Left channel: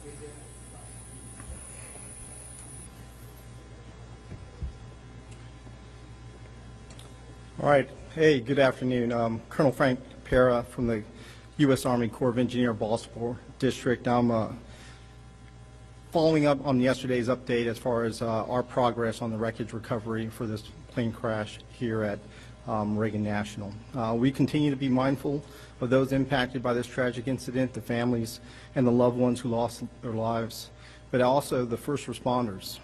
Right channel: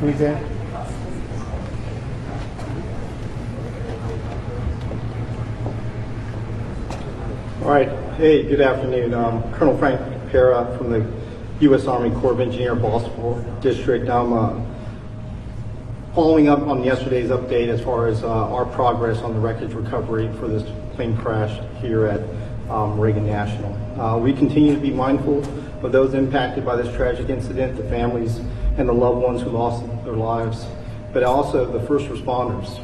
Who's that? All right. Hey, good afternoon. Colonel Frank Pera from the U.S. Army Corps of Engineers, Baltimore District. I'm following up on yesterday's update as far as our progress on the wreckage recovery for this plane crash here at Reagan National. We continue to be mindful of those impacted by this tragic incident, the families and the loved ones who lost their lives, but also the first responders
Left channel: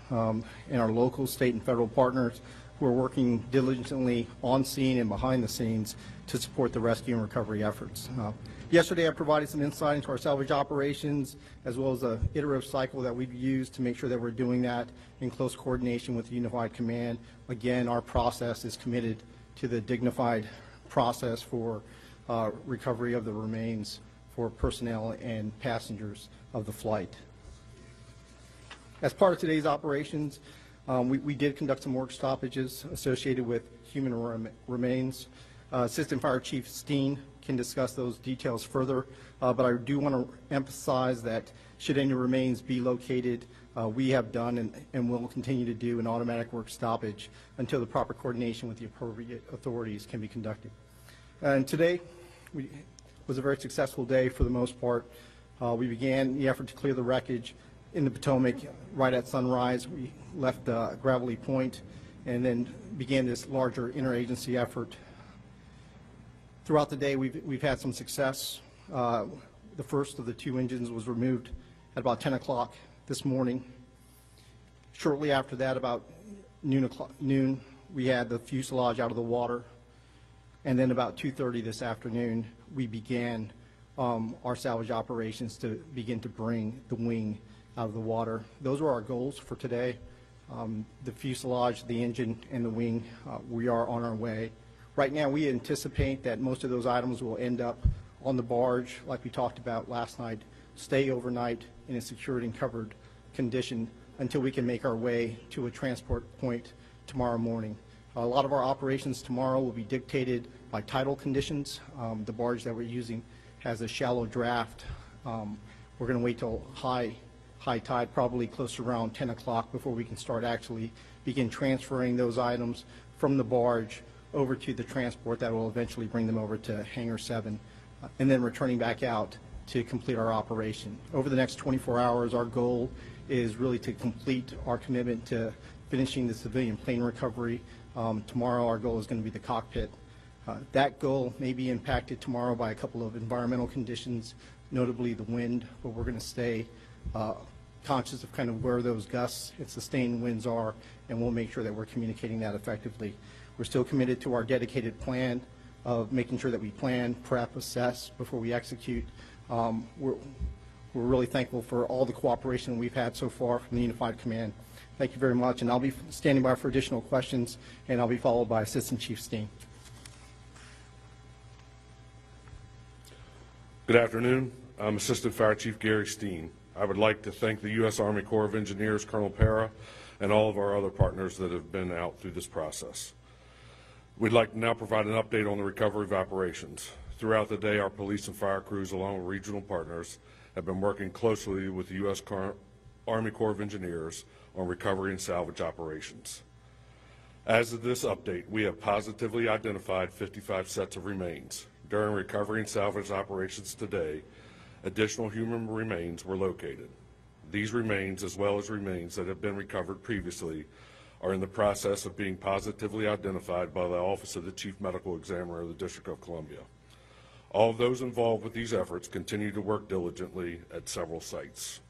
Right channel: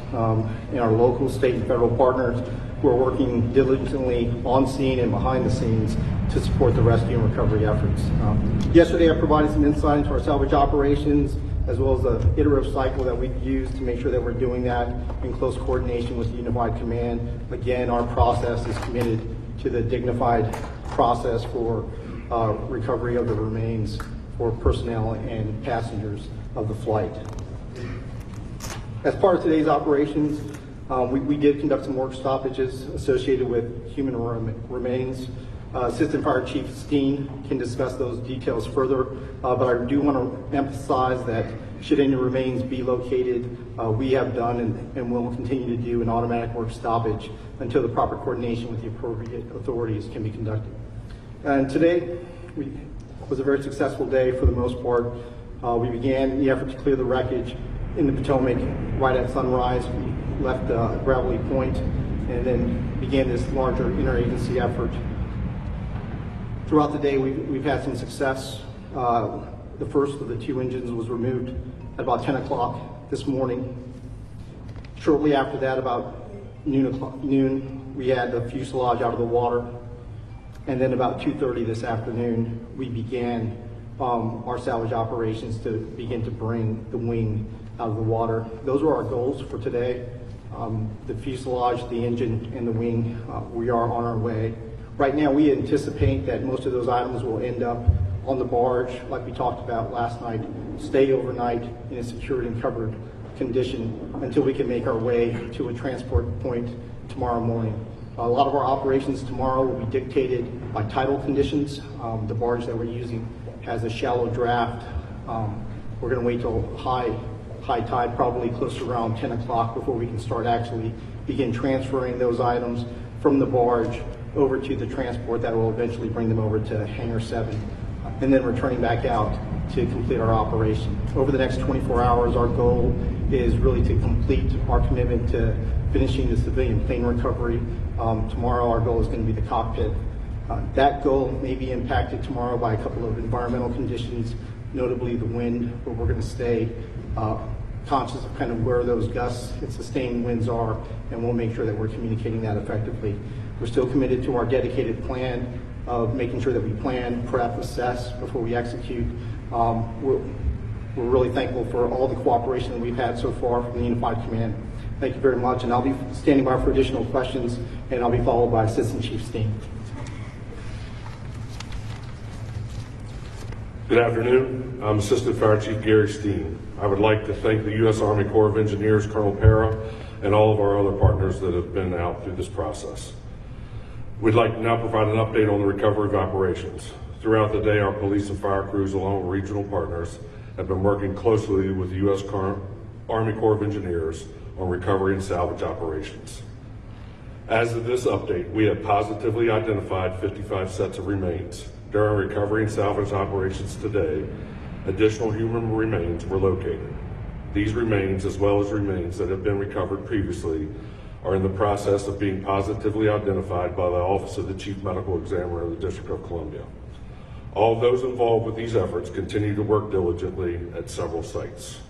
and our local, state, and federal partners who are working diligently on scene and behind the scenes to support the rescue and recovery efforts. Yesterday I provided some insight into our salvage operations as well as the iterative cycle that we've used to make sure that we're doing that in close coordination with Unified Command. Again, our process is committed to the dignified process for recovery of the remains for personnel and passengers of the flight. As part of today's operations, we did conduct some work stoppages associated with human remains. Assistant Fire Chief Steen can discuss those details further, but I do want to emphasize that should any remains be located, we have done and will continue to do an automatic work stoppage until the proper coordination with the appropriate authorities can be conducted. And today was a very successful day for the most part. We began the effort to clear the wreckage in the Potomac right at sunrise. We left Gravelly Point and then began this larger interagency effort. Throughout the day, we've had some success. The first of the two engines was removed at about 10 o'clock this morning. Shortly after that, about noon, we had the fuselage out of the water. And then about 2:30 this afternoon, we began our salvage operations to begin to bring the wing out of the water. Those are our goals for today. The fuselage, the engine, and the wing, we are on our way. Right now, we anticipate that most of those items will end up on the barge, like we talked about last night, stay overnight in a secured and covered condition until we can make our way to a transport point tomorrow morning. A lot of our operations tomorrow will be dictated by tidal conditions. The barge that we're using has a shallow draft. We're going to wait till high tide, probably close to around 10 o'clock before we can start actually begin transferring those items from the barge over to the transport that will eventually bring them over to Hangar 7, and then returning back out to complete our operation. Over the next 24 hours, our goal is really to complete our commitment to finishing the civilian plane recovery. Tomorrow, our goal is going to be the cockpit. That goal may be impacted tomorrow by a couple of environmental conditions, notably the wind, but we're going to stay conscious of kind of where those gusts and sustained winds are, and we'll make sure that we're communicating that effectively. We're still committed to our dedicated plan of making sure that we plan, prep, assess before we execute. We're really thankful for all the cooperation that we've had so far from the Unified Command. Thank you very much, and I'll be standing by for additional questions, and I'll be followed by Assistant Chief Steen. Good afternoon. I'm Assistant Fire Chief Gary Steen. I would like to thank the U.S. Army Corps of Engineers, Colonel Pera, and all of our other partners that have been out through this process. We'd like to now provide an update on the recovery of operations. Throughout the day, our police and fire crews, along with regional partners, have been working closely with the U.S. Army Corps of Engineers on recovery and salvage operations. As of this update, we have positively identified 55 sets of remains. During recovery and salvage operations today, additional human remains were located. These remains, as well as remains that have been recovered previously, are in the process of being positively identified by the Office of the Chief Medical Examiner of the District of Columbia. All those involved with these efforts continue to work diligently at several sites.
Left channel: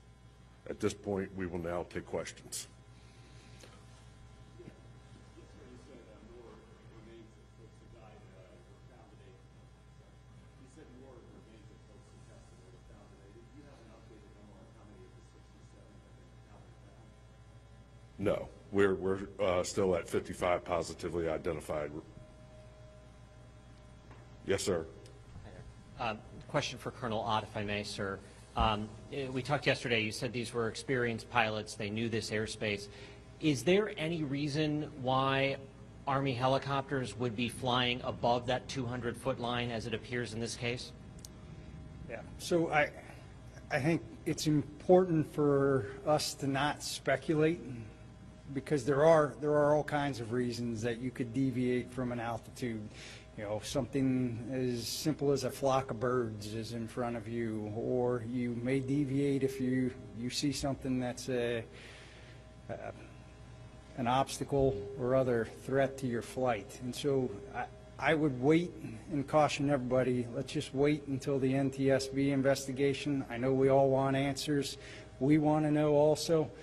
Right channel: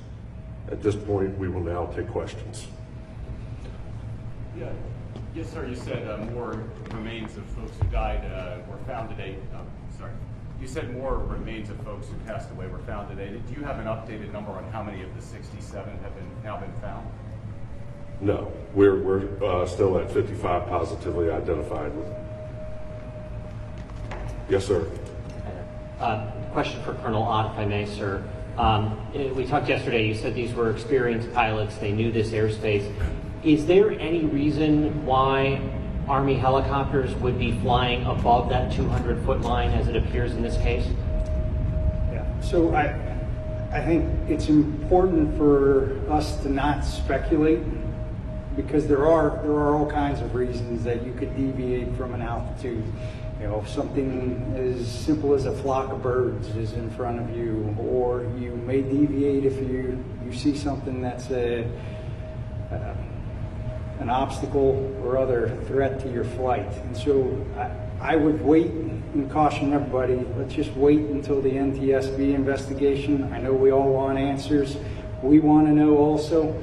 At this point, we will now take questions. Yeah. Yes, sir. You said more remains of folks who died were found today. Sorry. You said more remains of folks who passed away were found today. Do you have an updated number on how many of the 67 have now been found? No, we're still at 55 positively identified. Yes, sir. Question for Colonel Ott, if I may, sir. We talked yesterday, you said these were experienced pilots, they knew this airspace. Is there any reason why Army helicopters would be flying above that 200-foot line as it appears in this case? Yeah, so I think it's important for us to not speculate, because there are all kinds of reasons that you could deviate from an altitude. You know, something as simple as a flock of birds is in front of you, or you may deviate if you see something that's an obstacle or other threat to your flight. And so I would wait and caution everybody, let's just wait until the NTSB investigation. I know we all want answers. We want to know also.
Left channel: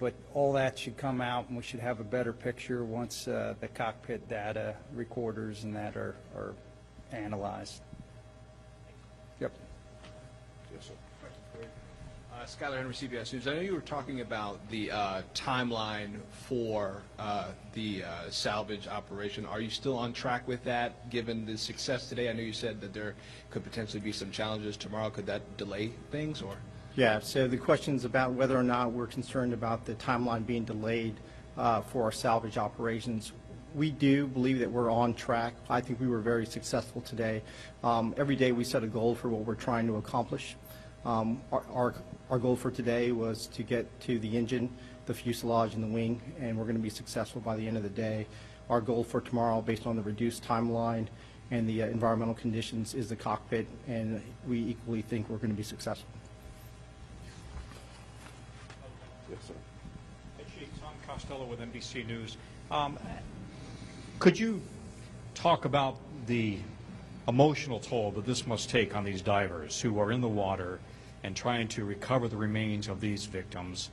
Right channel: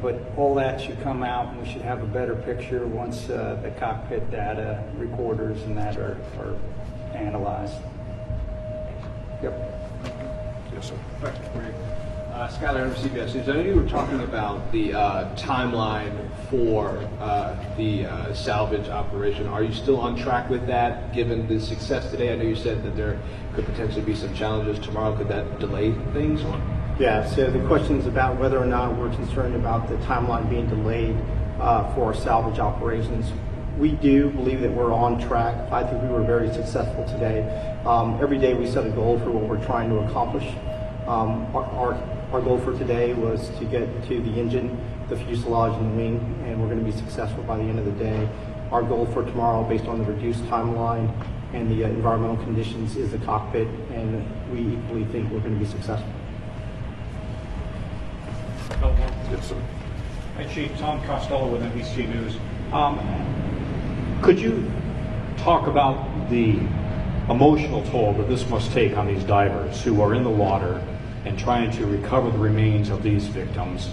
But all that should come out, and we should have a better picture once the cockpit data, recorders, and that are analyzed. Yep. Yes, sir. Scott Adams, CBS News. I know you were talking about the timeline for the salvage operation. Are you still on track with that, given the success today? I know you said that there could potentially be some challenges tomorrow. Could that delay things? Or? Yeah, so the question is about whether or not we're concerned about the timeline being delayed for our salvage operations. We do believe that we're on track. I think we were very successful today. Every day we set a goal for what we're trying to accomplish. Our goal for today was to get to the engine, the fuselage, and the wing, and we're going to be successful by the end of the day. Our goal for tomorrow, based on the reduced timeline and the environmental conditions, is the cockpit, and we equally think we're going to be successful. Yes, sir. Hi, Chief. Tom Costello with NBC News. Could you talk about the emotional toll that this must take on these divers who are in the water and trying to recover the remains of these victims,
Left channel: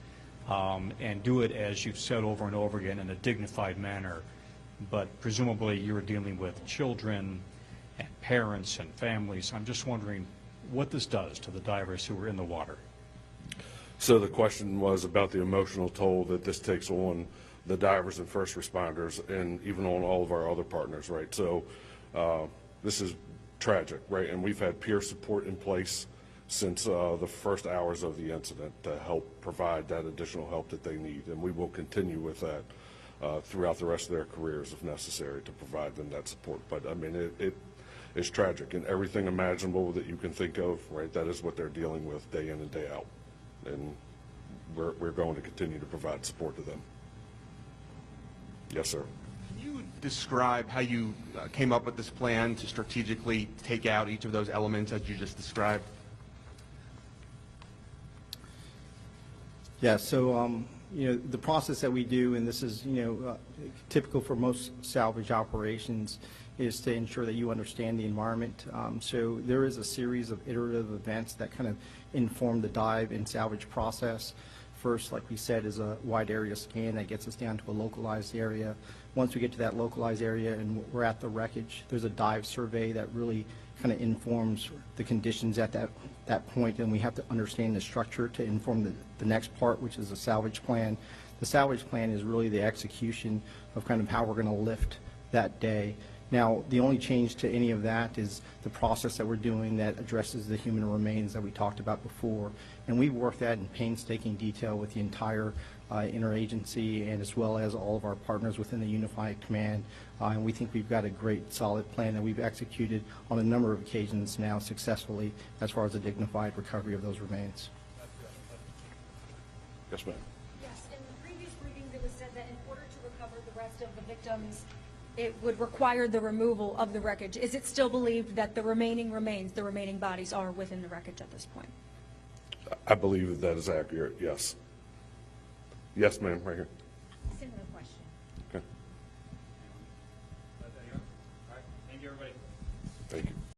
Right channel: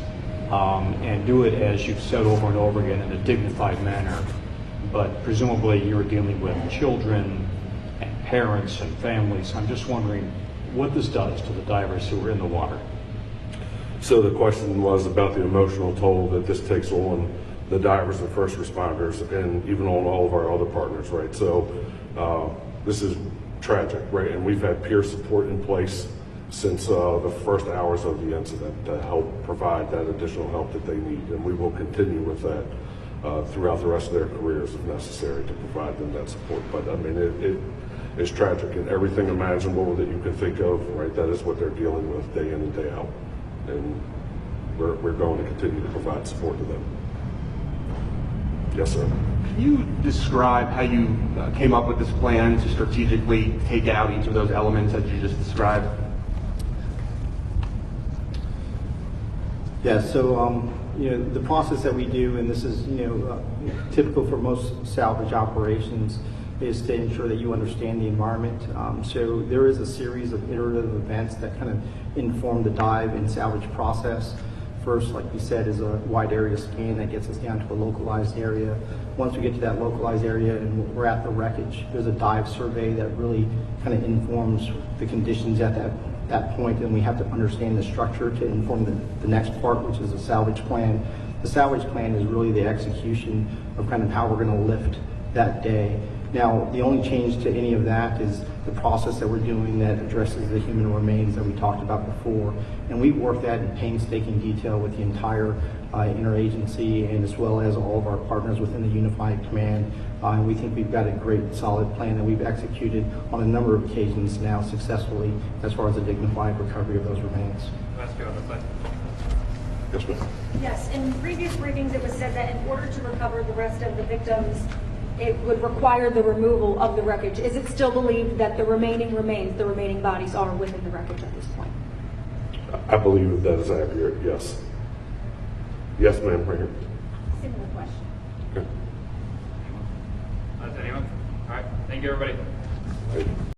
and do it, as you've said over and over again, in a dignified manner? But presumably you're dealing with children and parents and families. I'm just wondering what this does to the divers who are in the water. So the question was about the emotional toll that this takes on the divers and first responders, and even on all of our other partners, right? So this is tragic, right? And we've had peer support in place since the first hours of the incident to help provide that additional help that they need, and we will continue with that throughout the rest of their careers if necessary to provide them that support. But I mean, it is tragic, and everything imaginable that you can think of, right? That is what they're dealing with day in and day out. And we're going to continue to provide support to them. Yes, sir. Can you describe how you came up with this plan to strategically take out each of those elements that you just described? Yeah, so the process that we do, and this is typical for most salvage operations, is to ensure that you understand the environment. So there is a series of iterative events that kind of inform the dive and salvage process. First, like we said, is a wide area scan that gets us down to a localized area. Once we get to that localized area and we're at the wreckage, there's a dive survey that really kind of informs the conditions at that point, and we have to understand the structure to inform the next part, which is a salvage plan. The salvage plan is really the execution of kind of how we're going to lift that day. Now, the only change to any of that is the process that we're doing that addresses the human remains that we talked about before. And we work that in painstaking detail with the entire interagency, and as well as all of our partners within the Unified Command. And we think we've got a great, solid plan that we've executed on a number of occasions now successfully as far as the dignified recovery of those remains. Yes, ma'am. Yes, in previous briefings, it was said that in order to recover the rest of the victims, it would require the removal of the wreckage. Is it still believed that the remaining remains, the remaining bodies, are within the wreckage at this point? I believe that is accurate, yes. Yes, ma'am, right here. Similar question. Okay. Anyone? All right. Thank you, everybody. Thank you.